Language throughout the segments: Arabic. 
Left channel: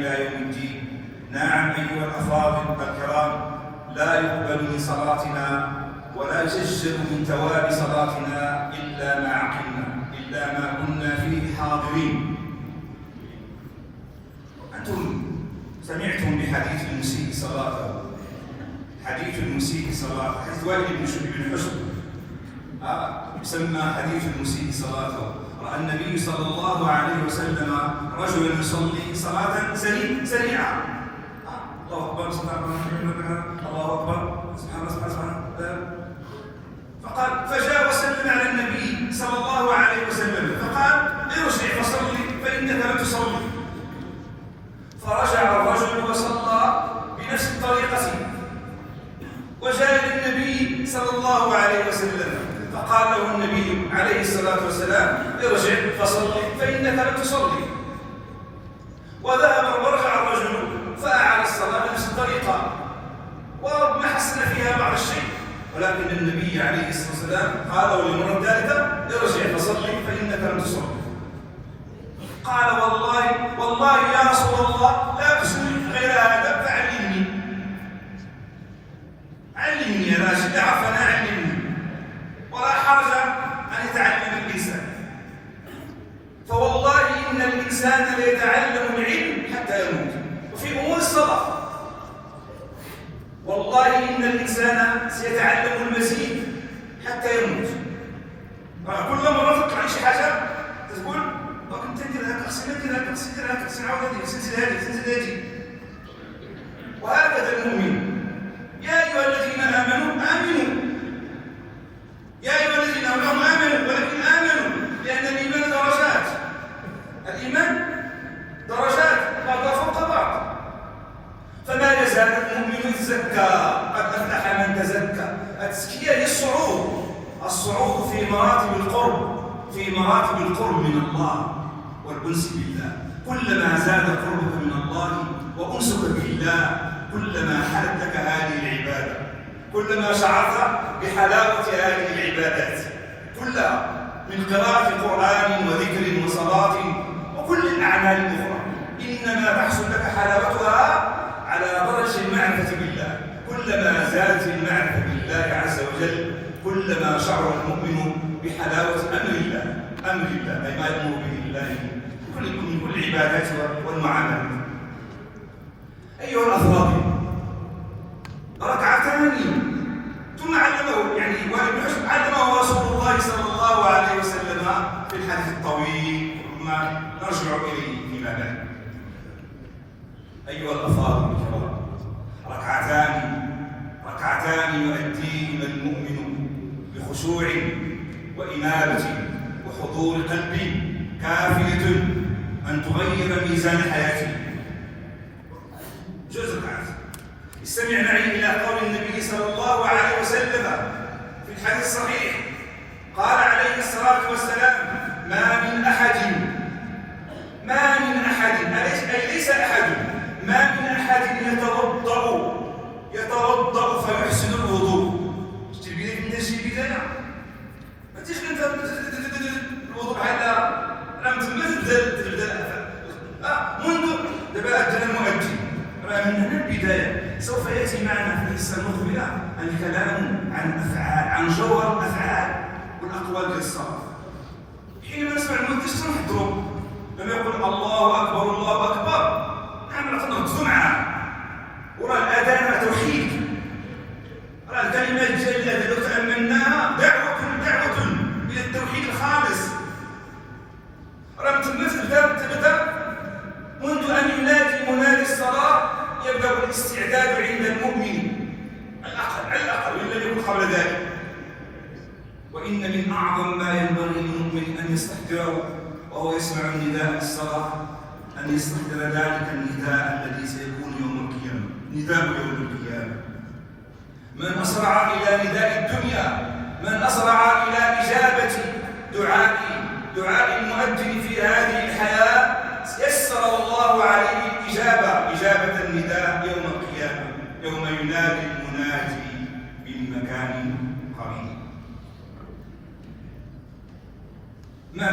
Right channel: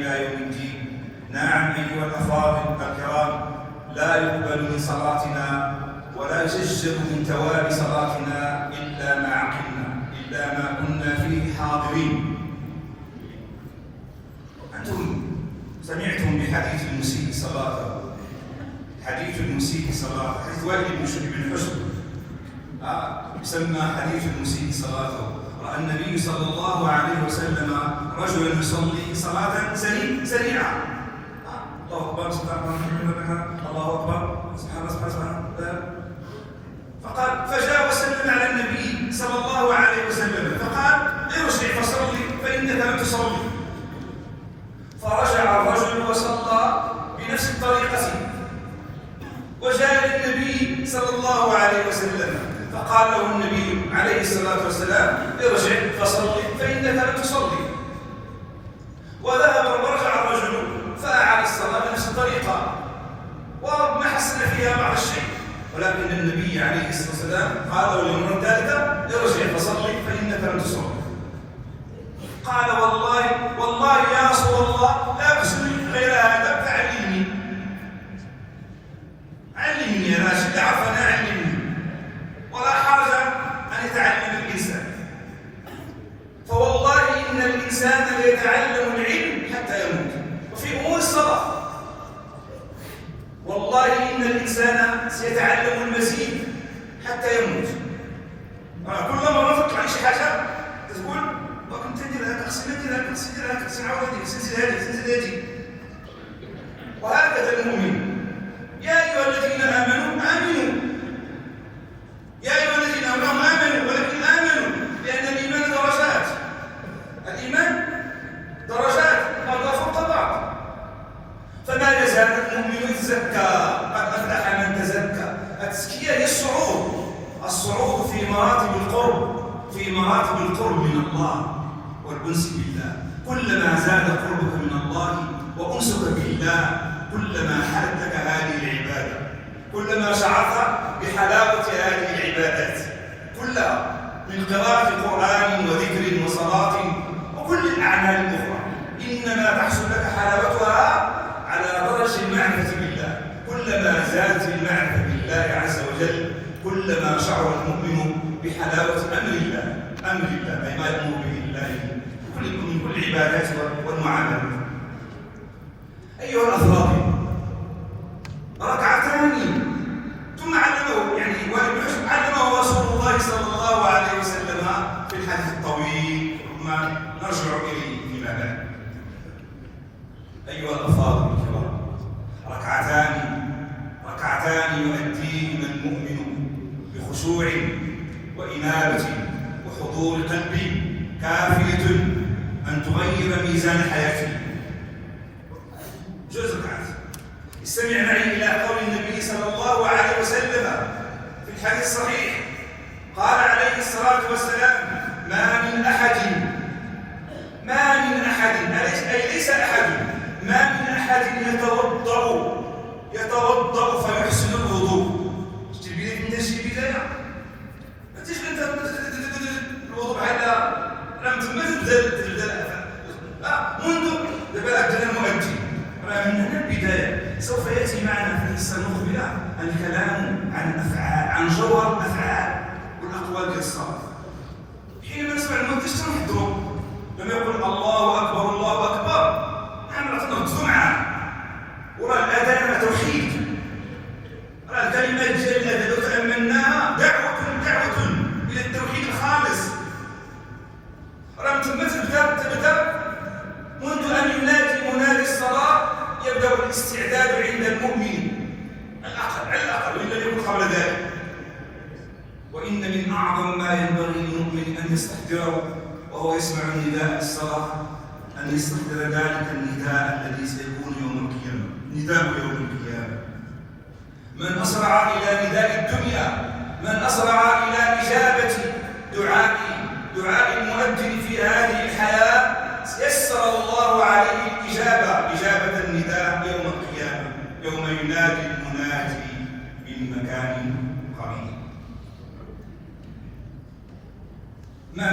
إلى يوم الدين. نعم أيها الأفاضل والكرام، لا يقبل من صلاتنا ولا يسجل من ثواب صلاتنا إلا ما عقلنا، إلا ما كنا فيه حاضرين. أنتم سمعتم بحديث المسيء صلاته، حديث المسيء صلاته، حديث وائل بن حجر يسمى حديث المسيء صلاته. رأى النبي صلى الله عليه وسلم رجلا يصلي صلاة سريعة، الله أكبر سبحان الله أكبر سبحان الله، فقال فجاء وسلم على النبي صلى الله عليه وسلم فقال ارجع فصلي فإنك لم تصلي. فرجع الرجل وصلى بنفس الطريقة، وجاء النبي صلى الله عليه وسلم فقال له النبي عليه الصلاة والسلام ارجع فصلي فإنك لم تصلي. وذهب ورجع الرجل فأعاد الصلاة بنفس الطريقة وما حسن فيها بعض الشيء، ولكن النبي عليه الصلاة والسلام قال له من الثالثة ارجع فصلي فإنك لم تصلي. قال والله يا رسول الله لا أصلي غير هذا فعلمني، علمني يا راشد، عفوا علمني، ولا حرج أن يتعلم الإنسان، فوالله إن الإنسان ليتعلم العلم حتى يموت. وفي أمور الصلاة والله إن الإنسان سيتعلم المزيد حتى يموت. كل مرة نفكر عن شيء حاجة تقول كنت ندير هذا أحسن عاودي سلسلة هذه. وهكذا المؤمن، يا أيها الذين آمنوا يا أيها الذين آمنوا ولكن آمنوا، لأن الإيمان درجات، الإيمان درجات بعضها فوق بعض. فما يزال المؤمن يتزكى، قد أفلح من تزكى. التزكية هي الصعود في مراتب القرب من الله والأنس بالله. كلما زاد قربك من الله وأنسك بالله كلما حدك هذه العبادة، كلما شعرت بحلاوة هذه العبادات كلها، من قراءة القرآن وذكر وصلاة وكل الأعمال الأخرى، إنما تحصل لك حلاوتها على درجة المعرفة بالله. كلما زادت المعرفة بالله عز وجل كلما شعر المؤمن بحلاوة أمر الله، أي ما يأمر به الله من كل العبادات والمعاملات. أيها الأفاضل، ركعتان ثم علمه، علمه رسول الله صلى الله عليه وسلم في الحديث الطويل، ثم نرجع إليه فيما بعد. أيها الأفاضل الكرام، ركعتان يؤديهما المؤمن بخشوع وإنابة وحضور قلب كافية أن تغير ميزان حياته. جزء ركعات. استمع معي إلى قول النبي صلى الله عليه وسلم في الحديث الصحيح، قال عليه الصلاة والسلام ما من أحد ليس أحد ما من أحد يتوضأ فيحسن الوضوء. شي بداية ما تجيش انت الوضوء على راه تبدا منذ دابا أدنى المؤدي، راه من هنا البداية. سوف يأتي معنا في الحصة المقبلة الكلام عن الأفعال، عن جوهر الأفعال والأقوال ديال الصلاة. حين نسمع المؤذن نحضروا لما يقول الله أكبر الله أكبر، نحن نهضروا معاه، وراه الأذان توحيد، راه الكلمات الجليلة التي تأملناها دعوة إلى التوحيد الخالص. راه تما تبدأ منذ أن ينادي منادي الصلاة، يبدأ الاستعداد عند المؤمن على الأقل وإن لم يكن قبل ذلك. وإن من أعظم ما ينبغي للمؤمن أن يستحضره وهو يسمع نداء الصلاة أن يستحضر ذلك النداء الذي سيكون يوم القيامة، نداء يوم القيامة. من أسرع إلى نداء الدنيا، من أسرع إلى إجابة دعاء المؤذن في هذه الحياة، يسر الله عليه إجابة النداء يوم القيامة، يوم ينادي المنادي من مكان قريب. ما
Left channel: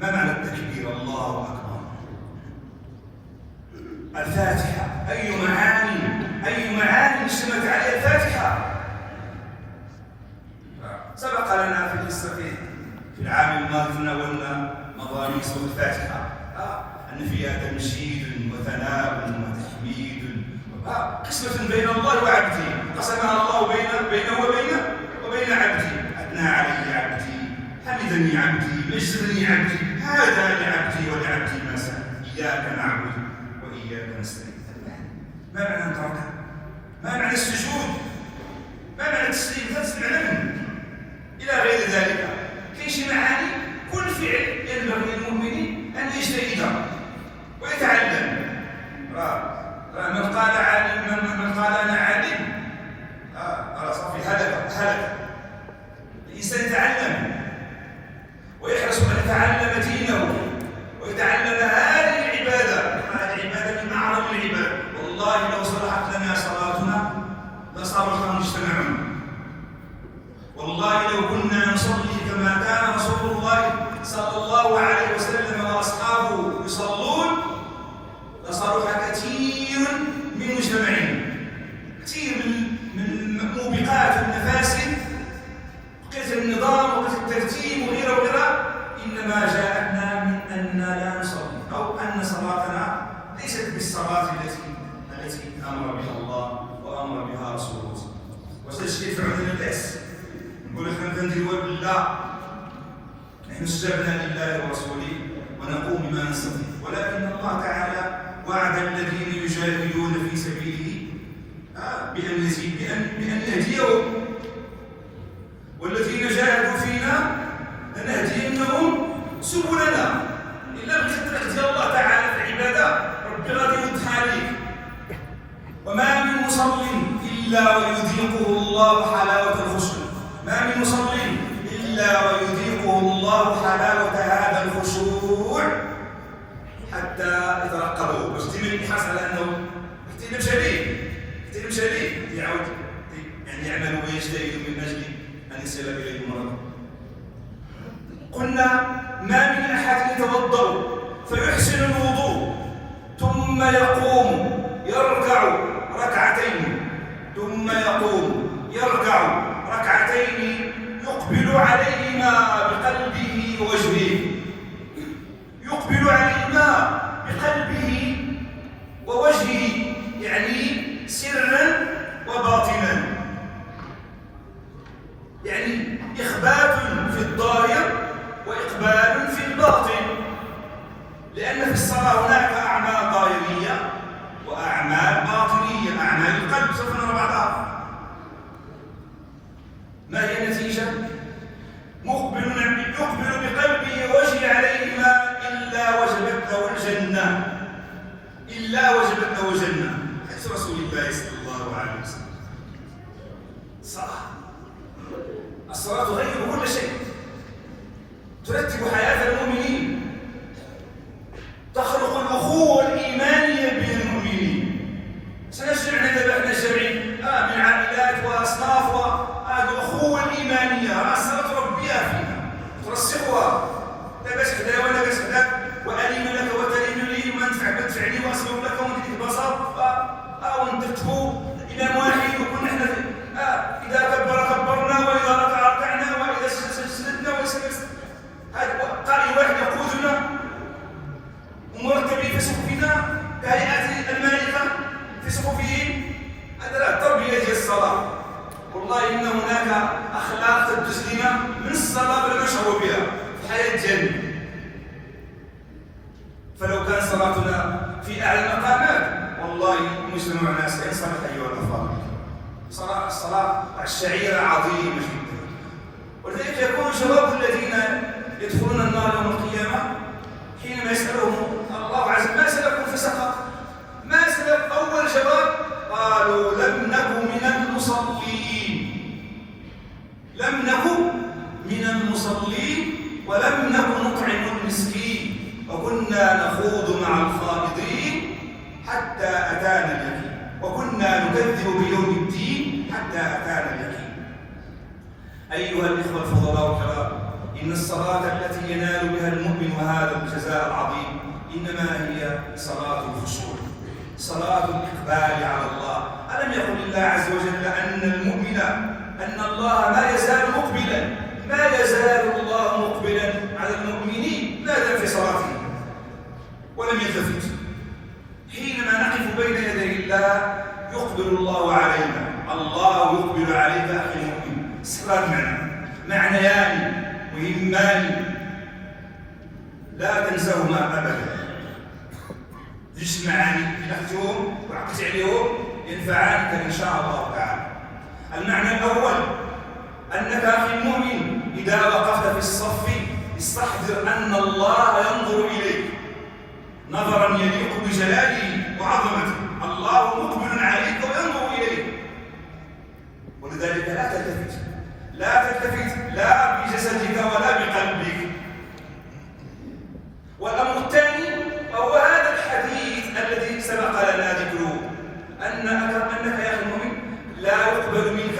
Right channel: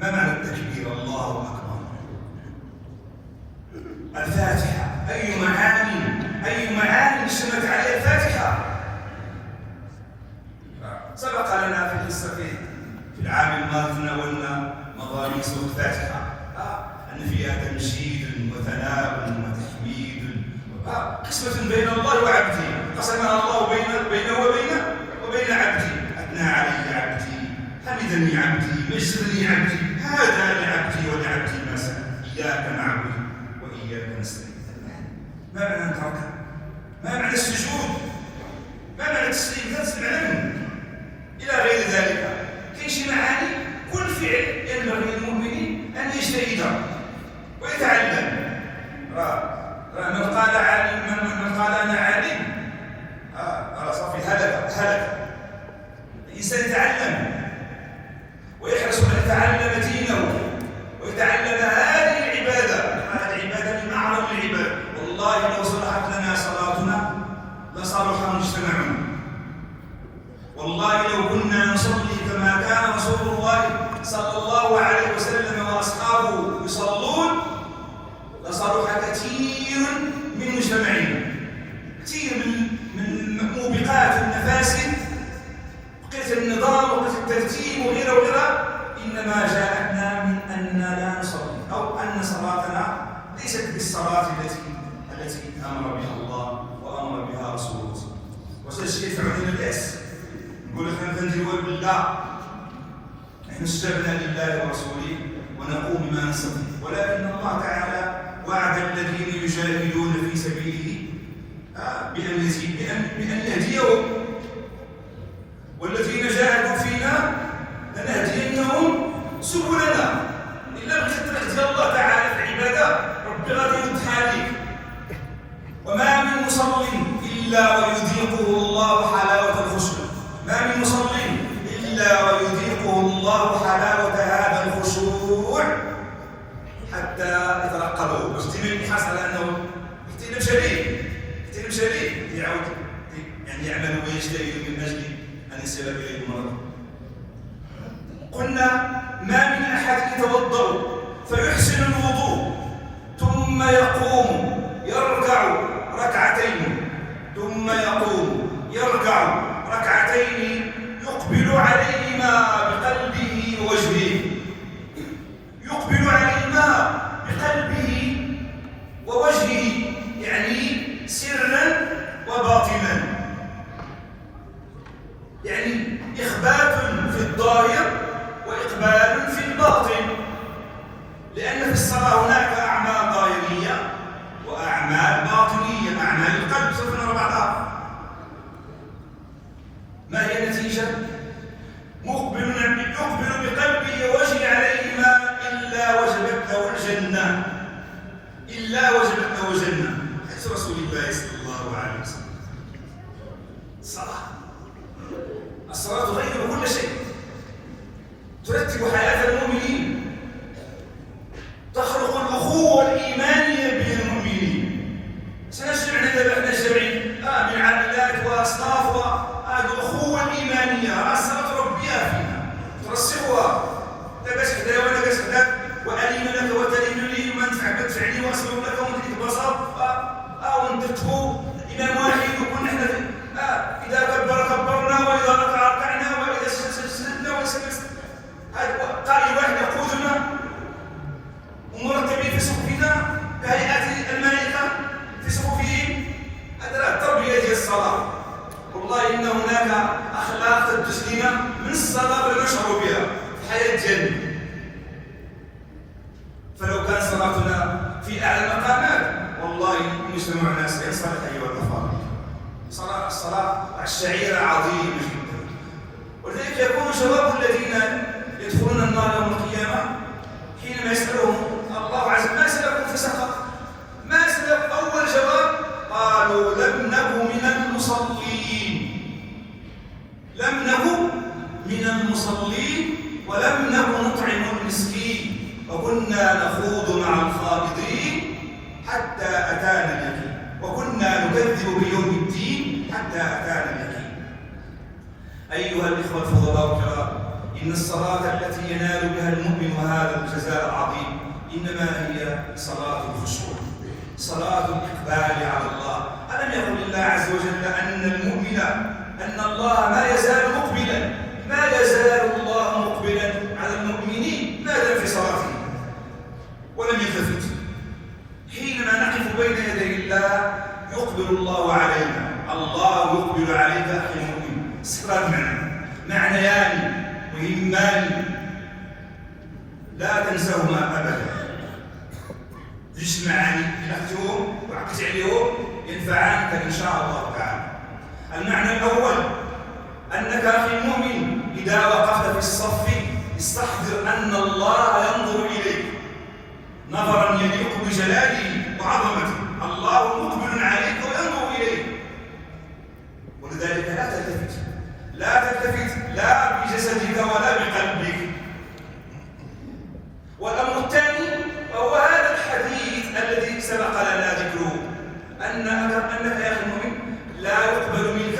معنى التكبير الله أكبر؟ الفاتحة. أي معاني اشتملت عليها الفاتحة. سبق لنا في القصة في العام الماضي تناولنا مضامين سورة الفاتحة، أن فيها تمجيد وثناء وتحميد، قسمة بين الله وعبده، قسمها الله بينه وبين عبده. أثنى علي عبدي، حمدني عبدي، مجدني عبدي، هذا لعبدي ولعبدي ما سأل، إياك نعبد وإياك نستعين. ما معنى التركة؟ ما معنى السجود؟ ما معنى التسليم؟ تسمع منه إلى غير ذلك. كاين شي معاني كل فعل ينبغي للمؤمن أن يجتهد ويتعلم. من قال أنا عالم صافي هلك. الإنسان يتعلم ويحرص أن يتعلم دينه ويتعلم هذه العبادة. هذه العبادة من أعظم العباد. والله لو صلحت لنا صلاتنا لصلح مجتمعنا. والله لو كنا نصلي كما كان رسول الله صلى الله عليه وسلم وأصحابه يصلون لصلح كثير من مجتمعنا. كثير من موبقات المفاسد، قيس النظام وقيس الترتيب وغيره إنما جاءتنا من أننا لا نصلي، أو أن صلاتنا ليست بالصلاة التي أمر بها الله وأمر بها رسوله. وسيدنا يدفعون البأس، نقول احنا نديروا بالله، نحن استجبنا لله ورسوله ونقوم بما نستطيع. ولكن الله تعالى وعد الذين يجاهدون في سبيله بأن يهديهم، والذين جاهدوا فينا لنهدينهم سبلنا. إلا بخطة الله تعالى في العبادة ربي غادي يدخل لك. وما من مصل إلا ويذيقه الله حلاوة الخشوع. ما من مصل إلا ويذيقه الله حلاوة هذا الخشوع حتى يترقبه. باش تيجي يحس على أنه احتلم شديد يعود يعني يعمل ويجتهد من أجل أن يصل إليه المرض. قلنا ما من أحد يتوضأ فيحسن الوضوء ثم يقوم يركع ركعتين، ثم يقوم يركع ركعتين يقبل عليهما بقلبه ووجهه، يقبل عليهما بقلبه ووجهه، يعني سرا وباطنا، يعني إخبات في الظاهر وإقبال في الباطن. لأن في الصلاة هناك أعمال ظاهرية وأعمال باطنية. أعمال القلب سوف نرى بعضها. ما هي النتيجة؟ يقبل بقلبه ووجهه عليهما إلا وجبت له الجنة. إلا وجبت له الجنة. حديث رسول الله صلى الله عليه وسلم. الصلاة تغير كل شيء، ترتب حياة المؤمنين، تخلق الأخوة الإيمانية بين المؤمنين. سنجمعنا إذا احنا جميعين من عائلات وأصناف هذه الأخوة الإيمانية. الصلاة تربيها فينا، ترسخها. لا باش كذا ولا باش كذا، وألين لك وتلين لي وما تدفع لي وأصبر لك وما تتبسط ونترتبوا إمام واحد يكون احنا إذا كبرنا وإذا ركعنا وإذا سجدنا وسجدنا. هذا قائد واحد يقودنا ومرتبين في صفوفنا كهيئة الملائكة في صفوفهم. هذا التربية ديال الصلاة. والله إن هناك أخلاق تدز لنا من الصلاة نشعر بها في الحياة ديالنا. فلو كان صلاتنا في أعلى المقامات والله مجتمعنا سيصلح أيها الأفاضل. الصلاة الشعيرة عظيمة جدا. ولذلك يكون جواب الذين يدخلون النار يوم القيامة حينما يسألهم الله عز وجل ما سلككم في سقر؟ ما سلك؟ أول جواب قالوا لم نكن من المصلين. لم نكن من المصلين ولم نكن نطعم المسكين وكنا نخوض مع الخائضين حتى أتانا اليقين وكنا نكذب بيوم الدين حتى أتانا اليقين. أيها الإخوة الفضلاء الكرام، إن الصلاة التي ينال بها المؤمن هذا الجزاء العظيم إنما هي صلاة الخشوع. صلاة الإقبال على الله. ألم يقل الله عز وجل أن المؤمن أن الله ما يزال مقبلا، ما يزال الله مقبلا على المؤمنين ما دام في صلاته ولم يلتفت. حينما نقف بين يدي الله يقبل الله علينا، الله يقبل عليك أخي المؤمن. استقرار معنيان مهمان لا تنساهما أبدا، يجتمعان أخذتهم وعقدت عليهم ينفعانك إن شاء الله تعالى. المعنى الأول أنك أخي المؤمن إذا وقفت في الصف استحضر أن الله ينظر إليك نظرا يليق بجلاله وعظمته. الله مقبل عليك وينظر إليك، ولذلك لا تلتفت، لا تلتفت لا بجسدك ولا بقلبك. والأمر الثاني وهو هذا الحديث الذي سبق لنا ذكره، أنك يا أخي المؤمن لا يقبل منك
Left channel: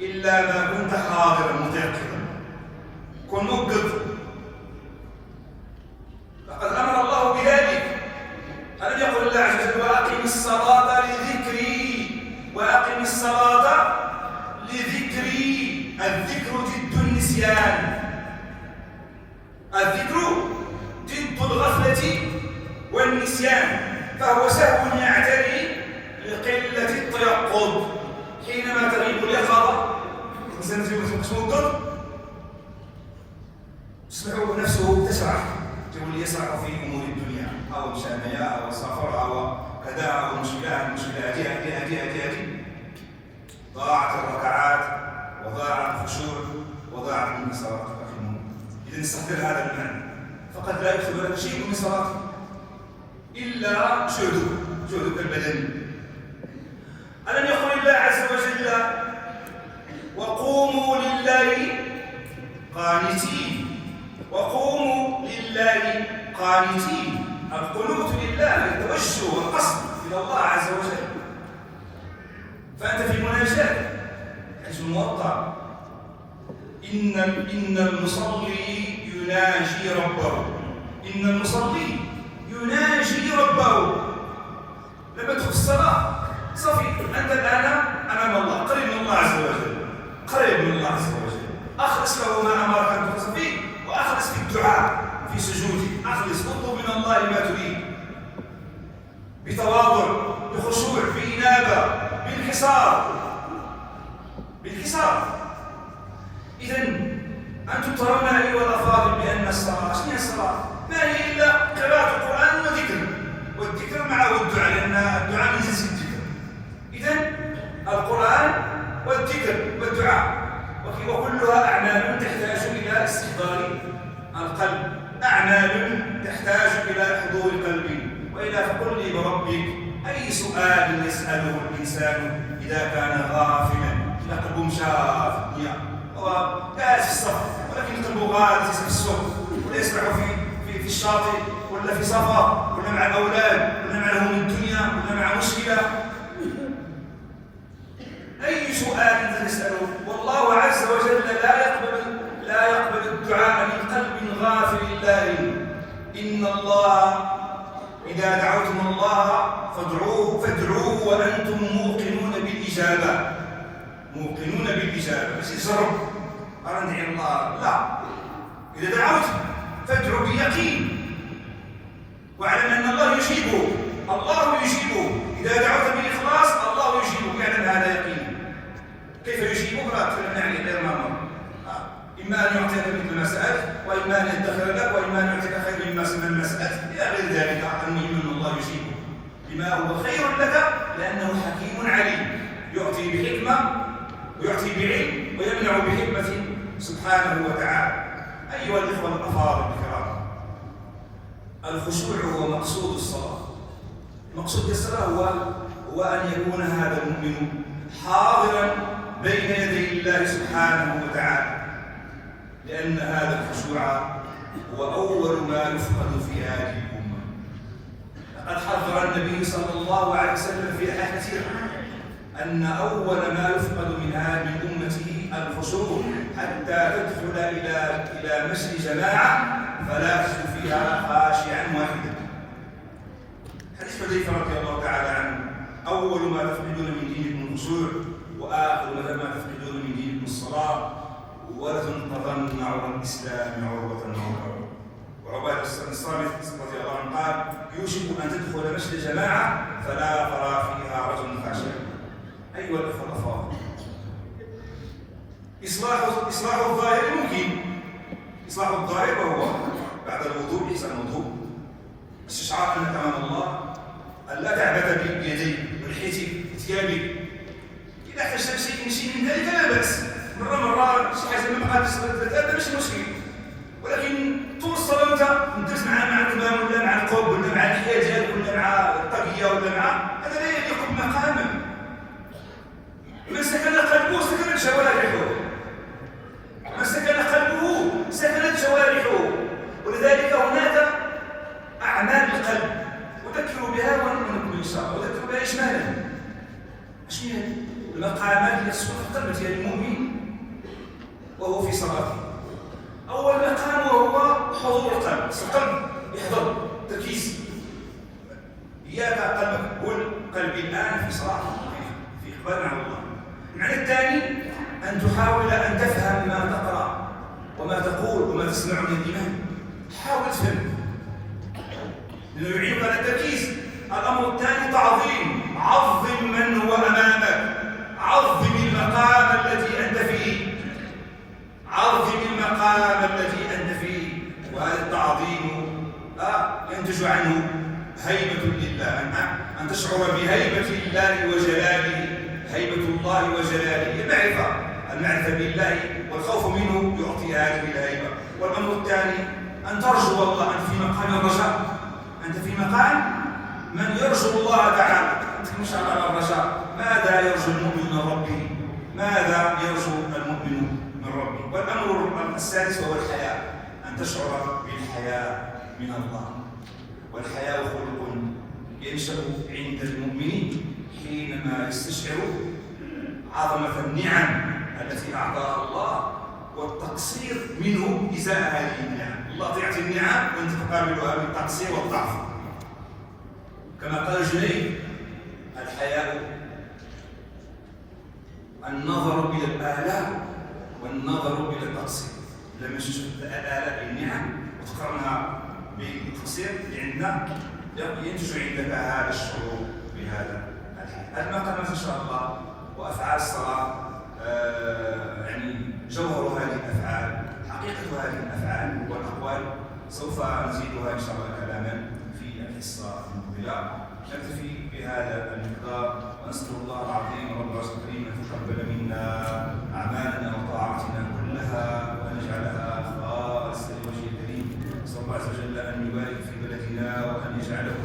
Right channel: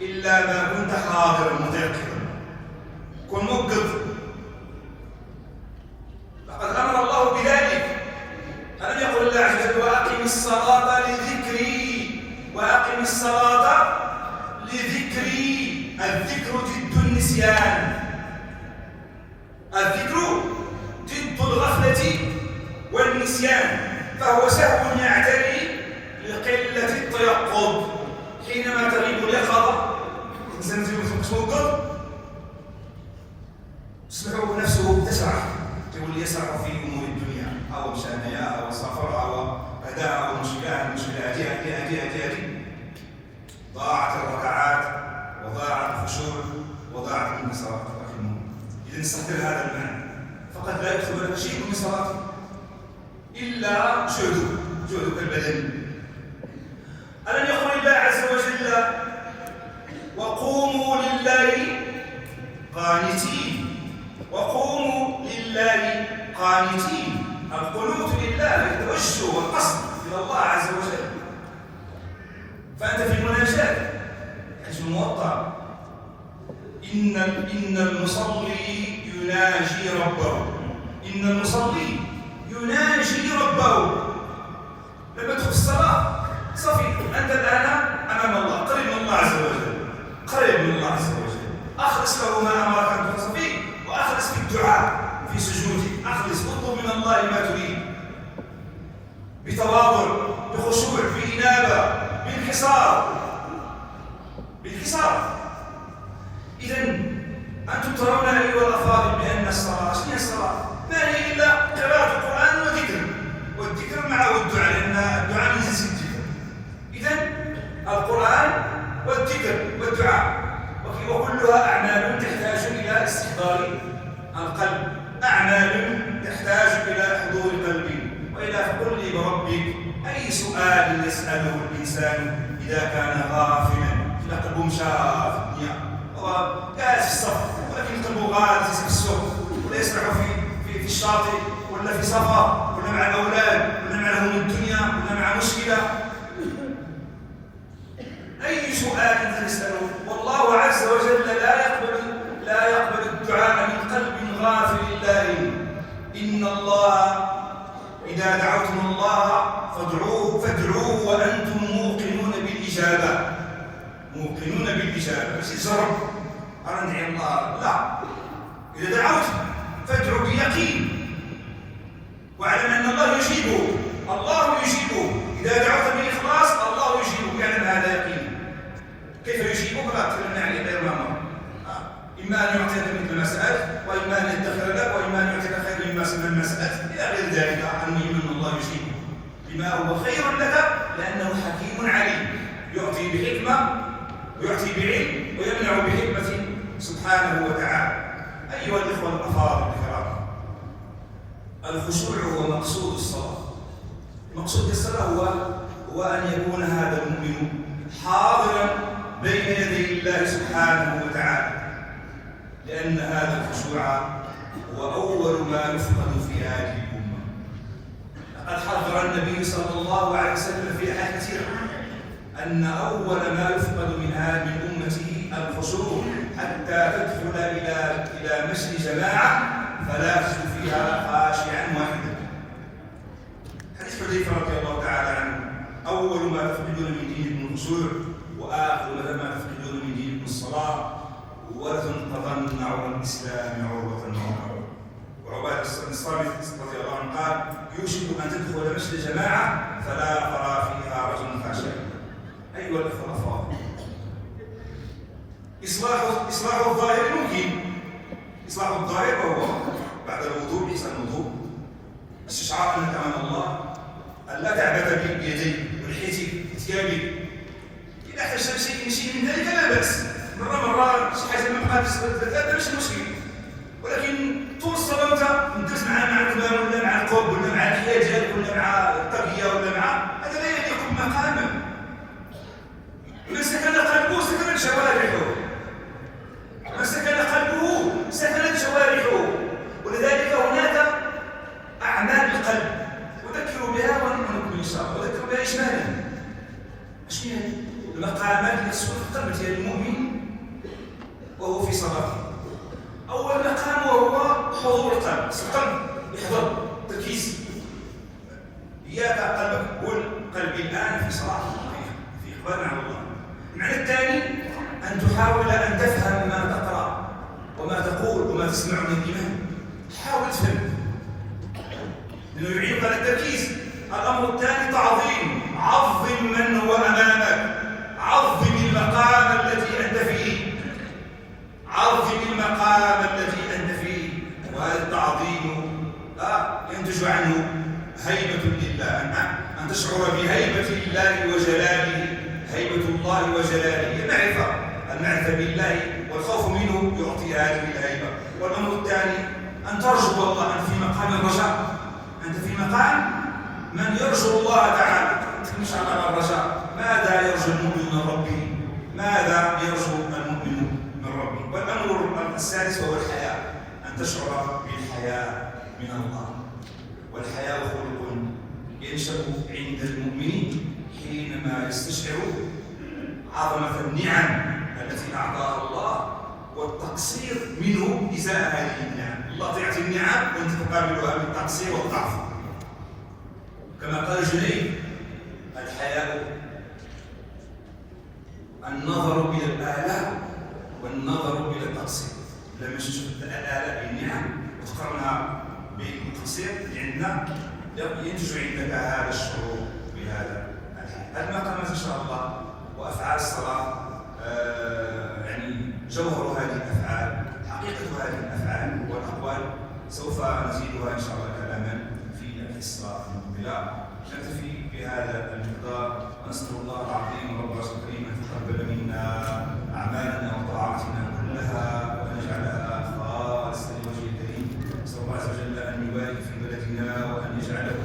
إلا ما كنت حاضرا متيقظا. كن موقظ، لقد أمر الله بذلك. ألم يقل الله عز وجل وأقم الصلاة لذكري، وأقم الصلاة لذكري. الذكر ضد النسيان، الذكر ضد الغفلة والنسيان، فهو سهو يعتري لقلة التيقظ. حينما تغيب اليقظة الإنسان توقظ تسمعه نفسه تسرح، تقول يسرح في أمور الدنيا أو مشانية أو سفر أو كذا أو مشكلات هذه ضاعت الركعات وضاعت الخشوع وضاعت المسارات. إذا استحضر هذا المعنى، فقد لا يكتب لك شيء من صلاته إلا جهدك البدني. ألم يقل الله عز وجل وقوموا لله قانتين، وقوموا لله قانتين. القنوت لله التوجه والقصد إلى الله عز وجل. فأنت في المناجاة حيث الموضع إن المصلي يناجي ربه، إن المصلي يناجي ربه. لما تدخل الصلاة صافي أنت الآن أمام الله، قريب من الله عز وجل، قريب من الله عز وجل. أخلص له ما أمرك أن تخلص فيه، وأخلص في الدعاء في سجودك، أخلص اطلب من الله ما تريد بتواضع بخشوع بإنابة بانكسار. إذا أنتم ترون أيها الأفاضل بأن الصلاة هي الصلاة ما هي إلا قراءة القرآن وذكر، والذكر معه الدعاء، لأن الدعاء من جنس الذكر. إذا القرآن والذكر والدعاء وكلها أعمال تحتاج إلى استحضار القلب، أعمال تحتاج إلى حضور القلب. وإلا فقل لي بربك أي سؤال يسأله الإنسان إذا كان غافلا؟ قلبه مشى في الدنيا، هو قاعد في السفر ولكن قلبه غادي في السوق، ولا يسرح في الشاطئ ولا في سفر ولا مع الأولاد ولا مع لهم الدنيا ولا مع مشكلة. أي سؤال تسأله؟ والله عز وجل لا يقبل الدعاء من قلب غافل الله. إن الله إذا دعوتم الله فادعوه وأنتم موقنون بالإجابة، موقنون بالإجابة. بس يجرب أنا ندعي الله، لا، إذا دعوت فادعو بيقين واعلم أن الله يجيبه، الله يجيبه. إذا دعوت بالإخلاص الله يجيبه، يعلم هذا يقين. كيف يجيبه؟ لا تكلمنا عليه لا إمام. إما أن يعطيك مثل ما سألت، وإما أن يدخر لك، وإما أن يعطيك خير مما سألت، إلى غير ذلك. المهم أن الله يجيبه لما هو خير لك، لأنه حكيم عليم، يعطي بحكمة ويعطي بعلم ويمنع بحكمة سبحانه وتعالى. أيها الإخوة الأفاضل الكرام، الخشوع هو مقصود الصلاة. مقصود الصلاة هو أن يكون هذا المؤمن حاضرا بين يدي الله سبحانه وتعالى، لأن هذا الخشوع هو أول ما يفقد في هذه الأمة. لقد حذر النبي صلى الله عليه وسلم في أحاديث كثيرة أن أول ما يفقد من هذه الأمة الخشوع، حتى تدخل إلى مسجد جماعة فلا تجد فيها خاشعا واحدا. حديث حذيفة رضي الله تعالى عنه: أول ما تفقدون من دينكم الخشوع، وآخر ما تفقدون من دينكم الصلاة، وتنقضن عرى الإسلام عروة عروة. وعبادة بن الصامت رضي الله عنه قال: يوشك أن تدخل مسجد جماعة فلا ترى فيها رجل فحشا. أيها الأخوة الأفاضل، إصلاح الظاهر ممكن. إصلاح الظاهر وهو بعد الوضوء، إحسان الوضوء، استشعار أنك أمام الله، أن لا تعبث بيديك ولحيتك وثيابك. إذا احتجت شيء من ذلك لا بأس، مرة شي حاجة ما بقاتش هذا ماشي مشكل، ولكن توصل أنت ندوز مع الإمام ولا مع القرب ولا مع الحياة ديالك ولا مع الطاقية ولا مع هذا لا يليق بمقامك. من سكن قلبه سكنت جوارحه، من سكن قلبه سكنت جوارحه. ولذلك هناك أعمال القلب أذكر بها ونؤمن إن شاء الله، أذكر بها إجمالا. شنو هي المقامات التي تسكن القلب ديال المؤمن وهو في صلاته؟ أول مقام وهو حضور القلب، القلب يحضر تركيز. إياك قلبك، قل قلبي الآن في صلاة، في إقبال على الله. المعنى الثاني أن تحاول أن تفهم ما تقرأ وما تقول وما تسمع من الإيمان. حاول تفهم لأنه يعينك على التركيز. الأمر الثاني تعظيم، عظم من هو أمامك، عظم المقام الذي أنت فيه، عظم المقام الذي أنت فيه. وهذا التعظيم ينتج عنه هيبة لله، أن تشعر بهيبة الله وجلاله. هيبة الله وجلاله المعرفة بالله والخوف منه يعطي هذه الهيبة. والأمر الثاني أن ترجو الله. أنت في مقام الرجاء، أنت في مقام من يرجو الله تعالى. أنت إن شاء الله الرجاء. ماذا يرجو المؤمن من ربه؟ ماذا يرجو المؤمن من ربه؟ والأمر السادس هو الحياء، أن تشعر بالحياء من الله. والحياء خلق ينشأ عند المؤمن حينما يستشعر عظمة النعم التي أعطاها الله والتقصير منه إزاء هذه النعم. الله تعطي النعم وأنت تقابلها بالتقصير والضعف. كما قال جنيد: الحياء النظر إلى الآلاء والنظر إلى التقصير. لما تشوف الآلاء بالنعم وتقارنها بالتقصير عندنا ينتج عندك هذا الشعور بهذا الحياء. المقامات إن شاء الله وأفعال الصلاة يعني جوهر هذه الأفعال، حقيقة هذه الأفعال والأقوال سوف نزيدها إن شاء الله كلاما في الحصة المقبلة. نكتفي بهذا المقدار، ونسأل الله العظيم رب العرش الكريم أن يتقبل منا أعمالنا وطاعتنا كلها وأن يجعلها خالصة لوجهه الكريم. نسأل الله عز وجل أن يبارك في بلدنا وأن يجعله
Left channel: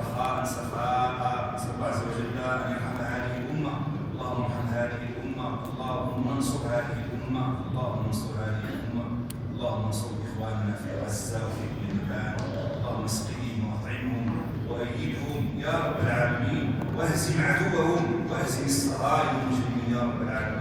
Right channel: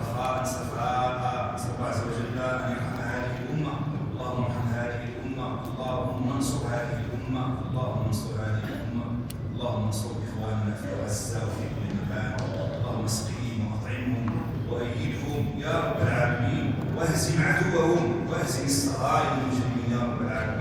رخاء سخاء. نسأل الله عز وجل أن يرحم هذه الأمة. اللهم ارحم هذه الأمة، اللهم انصر هذه الأمة، اللهم انصر هذه الأمة، اللهم انصر إخواننا في غزة وفي كل مكان. اللهم اسقهم وأطعمهم وأيدهم يا رب العالمين، واهزم عدوهم واهزم الصهاينة المجرمين يا رب العالمين.